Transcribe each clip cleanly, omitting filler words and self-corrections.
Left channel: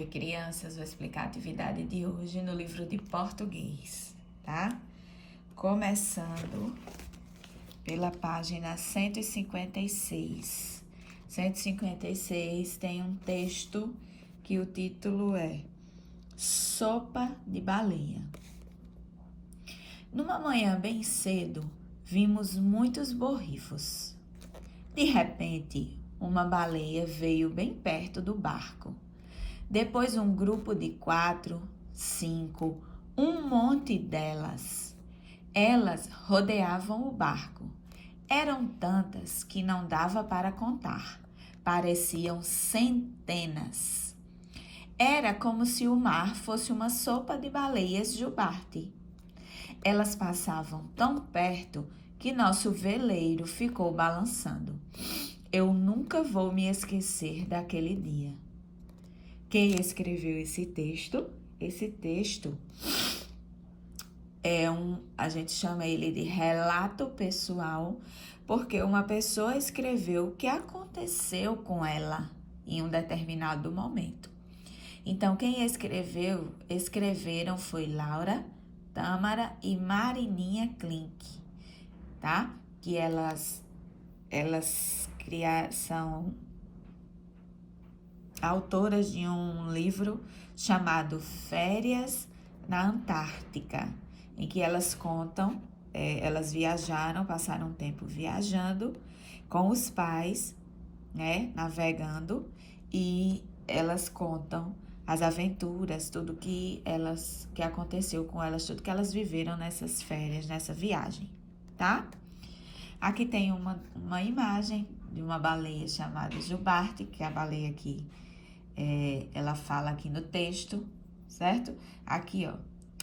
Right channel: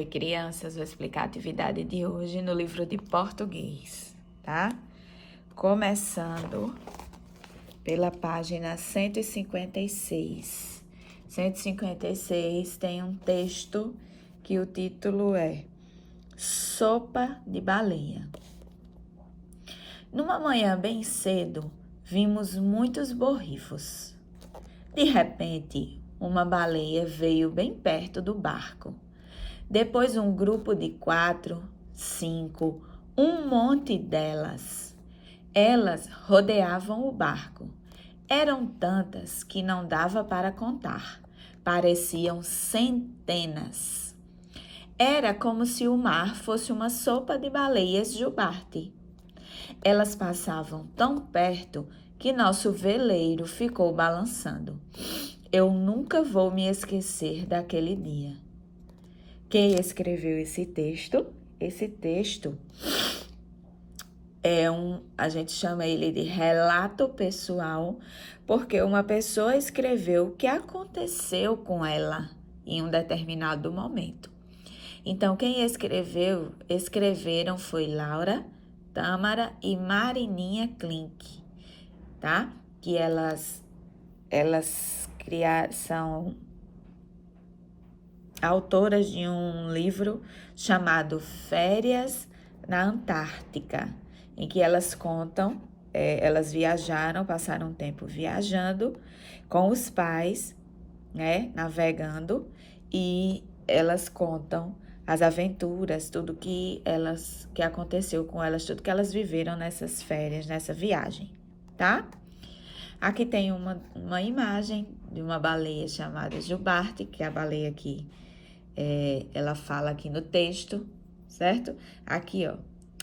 Oi, crianças, vou explicar a atividade de hoje no livro de português, tá? Começando pela página 156. 156 tem um texto que o título é Sopa de Baleia. Numa manhã bem cedo, vimos muitos borrifos. De repente, uma baleia veio bem perto do barco. Depois um grupo de 4, 5, um monte delas. Elas rodeavam o barco. Eram tantas que não dava para contar. Pareciam centenas. Era como se o mar fosse uma sopa de baleias jubarte. Elas passavam tão perto que nosso veleiro ficou balançando. Eu nunca vou me esquecer daquele dia. Quem escreveu esse texto? Esse texto a gente chama ele de relato pessoal, porque uma pessoa escreveu o que aconteceu com ela em um determinado momento. Então, quem escreveram foi Laura, Tâmara e Marininha Klink, tá? Que elas são autoras de um livro chamado Férias na Antártica, em que elas contam, elas viajaram, passaram um tempo viajando com os pais, né, navegando, e elas contam as aventuras, tudo que aconteceu com elas, tudo que elas viveram nessas férias, nessa viagem, tá? Aqui tem uma imagem de uma baleia chamada jubarte, que é a baleia que ela fala aqui no texto, certo? Aqui, ó,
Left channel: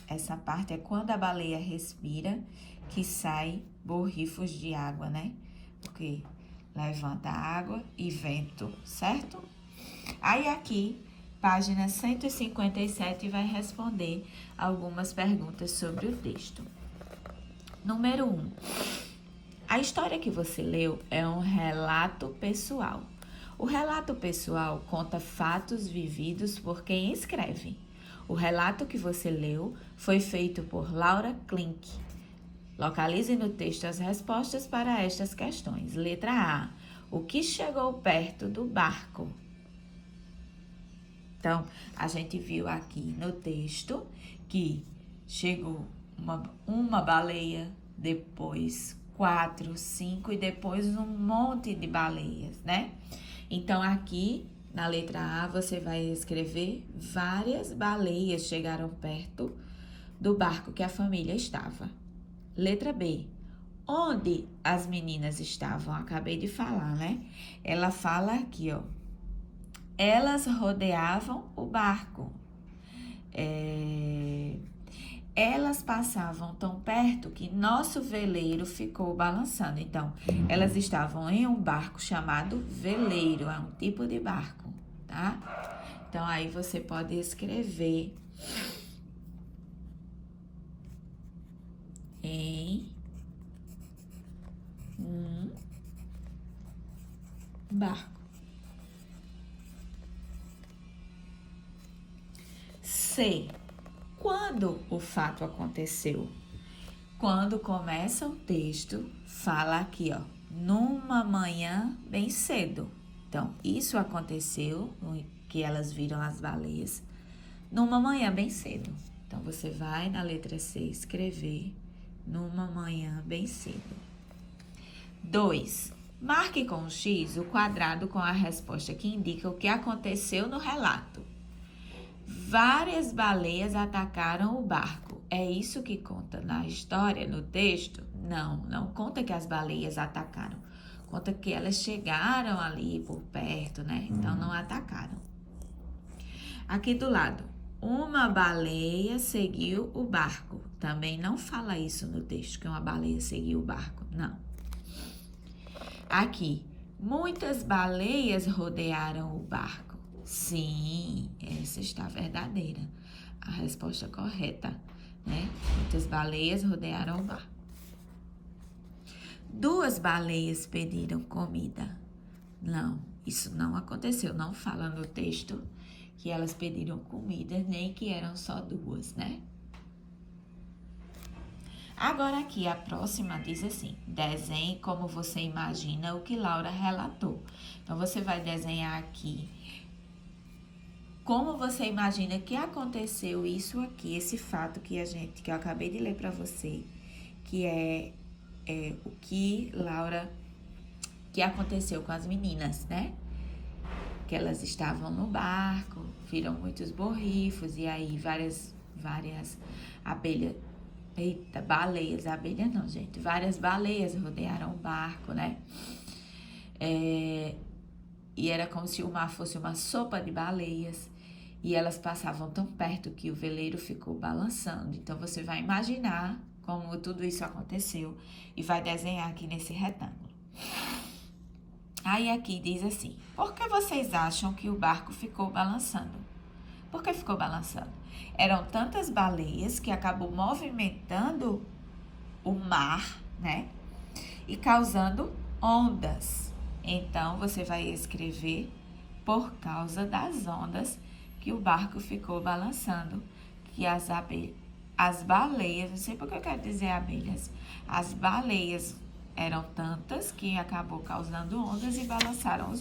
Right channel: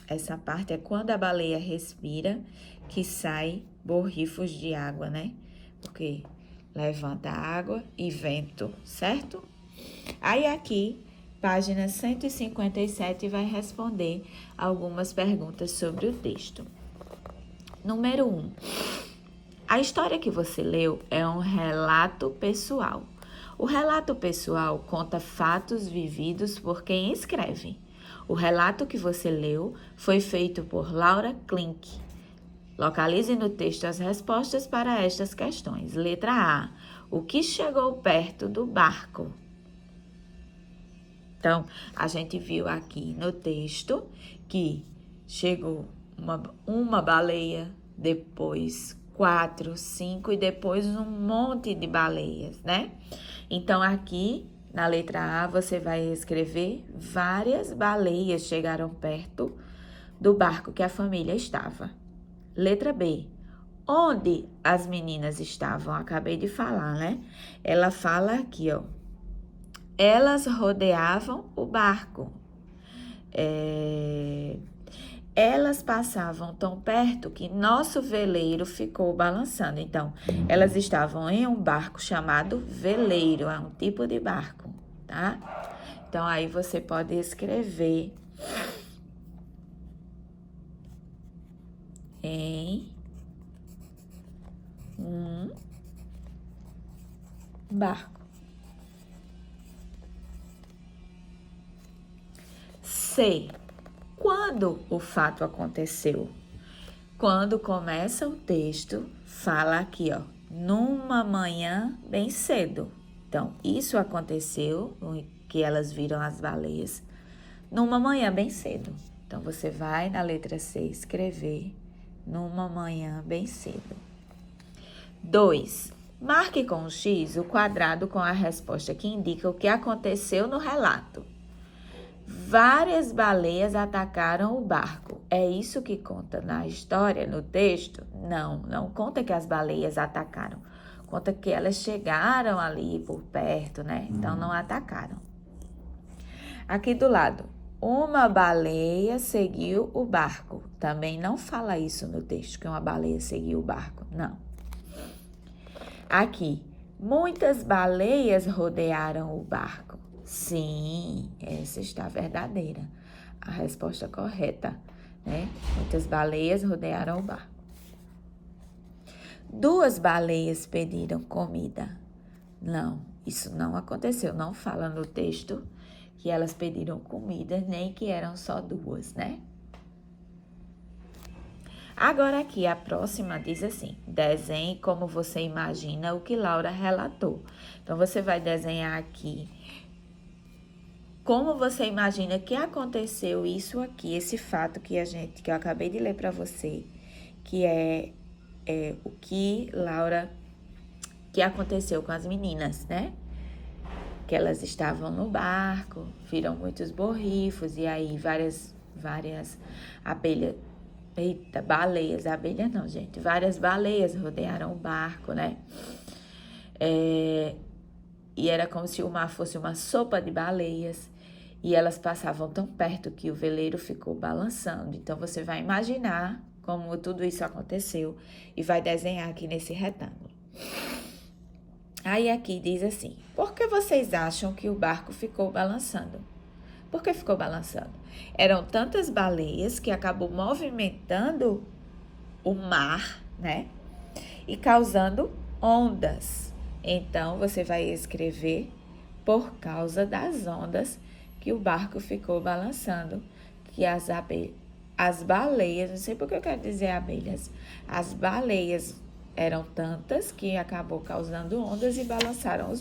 essa parte é quando a baleia respira, que sai borrifos de água, né? Porque levanta água e vento, certo? Aí aqui, página 157, vai responder algumas perguntas sobre o texto. Número 1. A história que você leu é um relato pessoal. O relato pessoal conta fatos vividos por quem escreve. O relato que você leu foi feito por Laura Klink. Localize no texto as respostas para estas questões. Letra A. O que chegou perto do barco? Então, a gente viu aqui no texto que chegou uma baleia, depois 4, 5 e depois um monte de baleias, né? Então, aqui na letra A, você vai escrever várias baleias chegaram perto do barco que a família estava. Letra B. Onde as meninas estavam? Acabei de falar, né? Ela fala aqui, ó. Elas rodeavam o barco. Elas passavam tão perto que nosso veleiro ficou balançando. Então, elas estavam em um barco chamado veleiro, é um tipo de barco, tá? Então, aí você pode escrever em um barco. C. Quando o fato aconteceu? Quando começa o texto, fala aqui, ó, numa manhã bem cedo. Então, isso aconteceu, que elas viram as baleias, numa manhã bem cedo. Então, você vai na letra C escrever numa manhã bem cedo. 2. Marque com um X o quadrado com a resposta que indica o que aconteceu no relato. Várias baleias atacaram o barco. É isso que conta na história, no texto? Não conta que as baleias atacaram. Conta que elas chegaram ali por perto, né? Então, não atacaram. Aqui do lado, uma baleia seguiu o barco. Também não fala isso no texto, que uma baleia seguiu o barco. Não. Aqui, muitas baleias rodearam o barco. Sim, essa está verdadeira. A resposta correta, né? Muitas baleias rodearam o barco. 2 baleias pediram comida. Não, Isso não aconteceu, não fala no texto que elas pediram comida, nem que eram só duas, né? Agora aqui, a próxima diz assim, desenhe como você imagina o que Laura relatou. Então, você vai desenhar aqui como você imagina que aconteceu isso aqui, esse fato que eu acabei de ler para você, que é o que que aconteceu com as meninas, né? Que elas estavam no barco, viram muitos borrifos e aí várias abelhas, abelhas não, gente, várias baleias rodearam o barco, né? E era como se o mar fosse uma sopa de baleias e elas passavam tão perto que o veleiro ficou balançando. Então, você vai imaginar como tudo isso aconteceu e vai desenhar aqui nesse retângulo. Aí aqui diz assim, por que vocês acham que o barco ficou balançando? Por que ficou balançando? Eram tantas baleias que acabou movimentando o mar, né? E causando ondas. Então, você vai escrever por causa das ondas que o barco ficou balançando, que as baleias, não sei por que eu quero dizer abelhas, as baleias eram tantas que acabou causando ondas e balançaram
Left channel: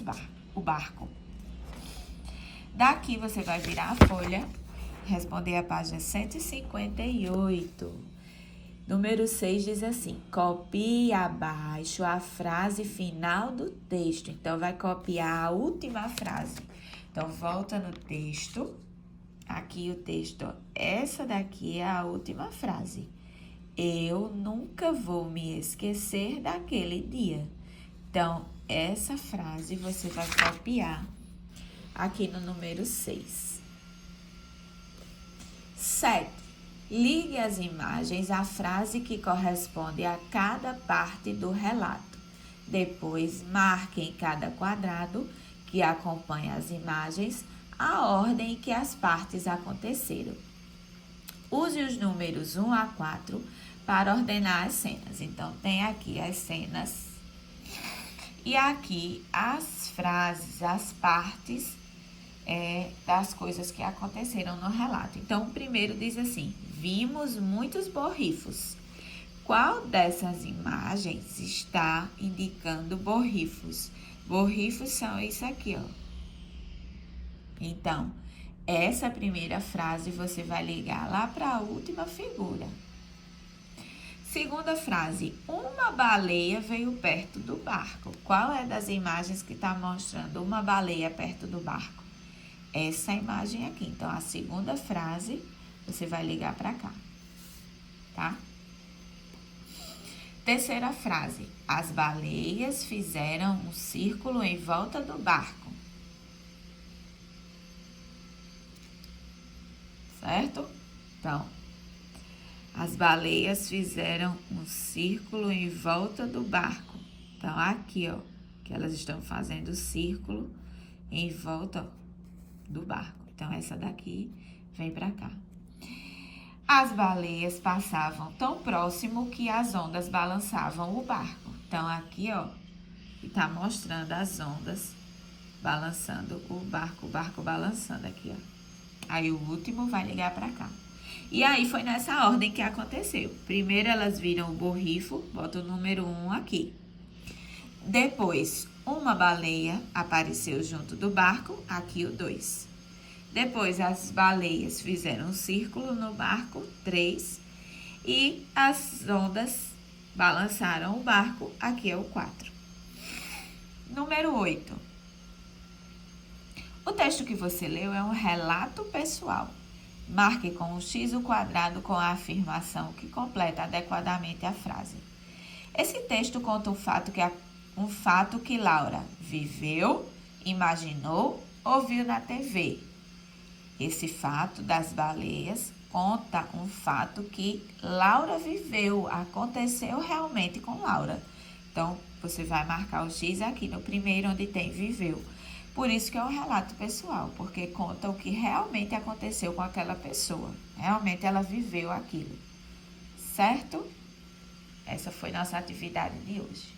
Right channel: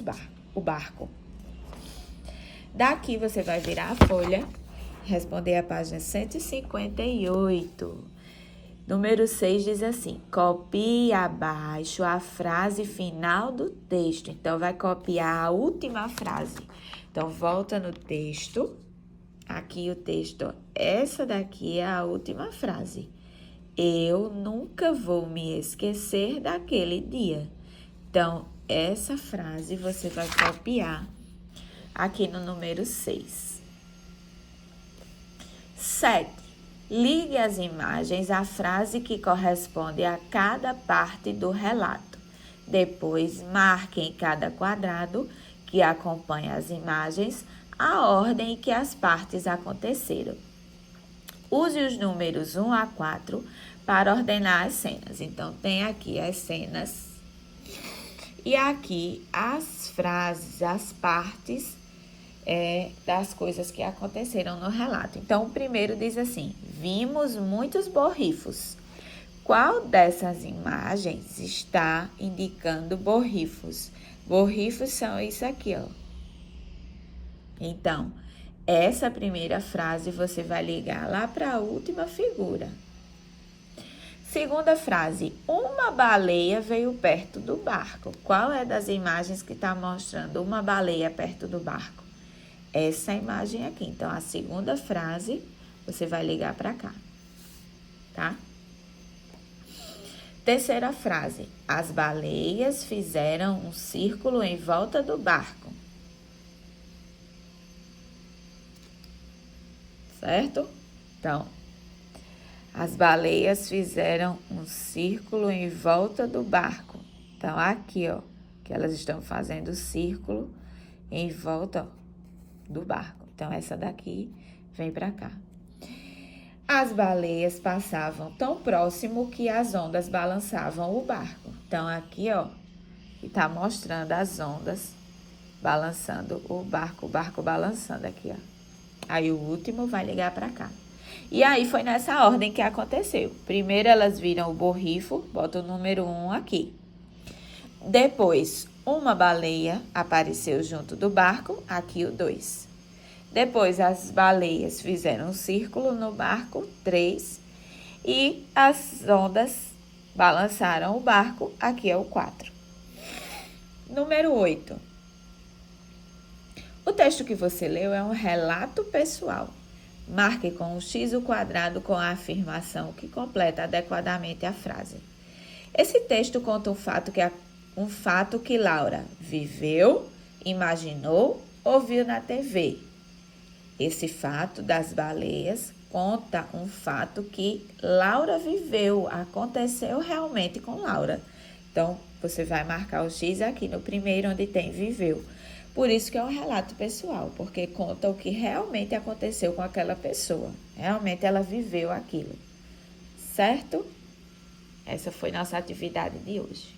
o barco. Daqui você vai virar a folha, responder a página 158. Número 6 diz assim, copie abaixo a frase final do texto. Então, vai copiar a última frase. Então, volta no texto. Aqui o texto, essa daqui é a última frase. Eu nunca vou me esquecer daquele dia. Então, essa frase você vai copiar aqui no número 6. 7. Ligue as imagens à frase que corresponde a cada parte do relato. Depois, marque em cada quadrado que acompanha as imagens a ordem em que as partes aconteceram. Use os números 1 a 4 para ordenar as cenas. Então, tem aqui as cenas e aqui as frases, as partes das coisas que aconteceram no relato. Então, o primeiro diz assim, vimos muitos borrifos. Qual dessas imagens está indicando borrifos? Borrifos são isso aqui, ó. Então, essa primeira frase você vai ligar lá para a última figura. Segunda frase, uma baleia veio perto do barco. Qual é das imagens que está mostrando uma baleia perto do barco? Essa imagem aqui. Então, a segunda frase você vai ligar para cá, tá? Terceira frase, as baleias fizeram um círculo em volta do barco. Certo? Então, as baleias fizeram um círculo em volta do barco. Então, aqui, ó, que elas estão fazendo círculo em volta do barco. Então, essa daqui vem pra cá. As baleias passavam tão próximo que as ondas balançavam o barco. Então, aqui, ó, tá mostrando as ondas balançando o barco balançando aqui, ó. Aí, o último vai ligar pra cá. E aí, foi nessa ordem que aconteceu. Primeiro, elas viram o borrifo, bota o número 1 aqui. Depois, uma baleia apareceu junto do barco, aqui o 2. Depois, as baleias fizeram um círculo no barco, 3. E as ondas balançaram o barco, aqui é o 4. Número 8. O texto que você leu é um relato pessoal. Marque com o X o quadrado com a afirmação que completa adequadamente a frase. Esse texto conta um fato que Laura viveu, imaginou ou viu na TV. Esse fato das baleias conta um fato que Laura viveu, aconteceu realmente com Laura. Então, você vai marcar o X aqui no primeiro, onde tem viveu. Por isso que é um relato pessoal, porque conta o que realmente aconteceu com aquela pessoa. Realmente ela viveu aquilo, certo? Essa foi nossa atividade de hoje.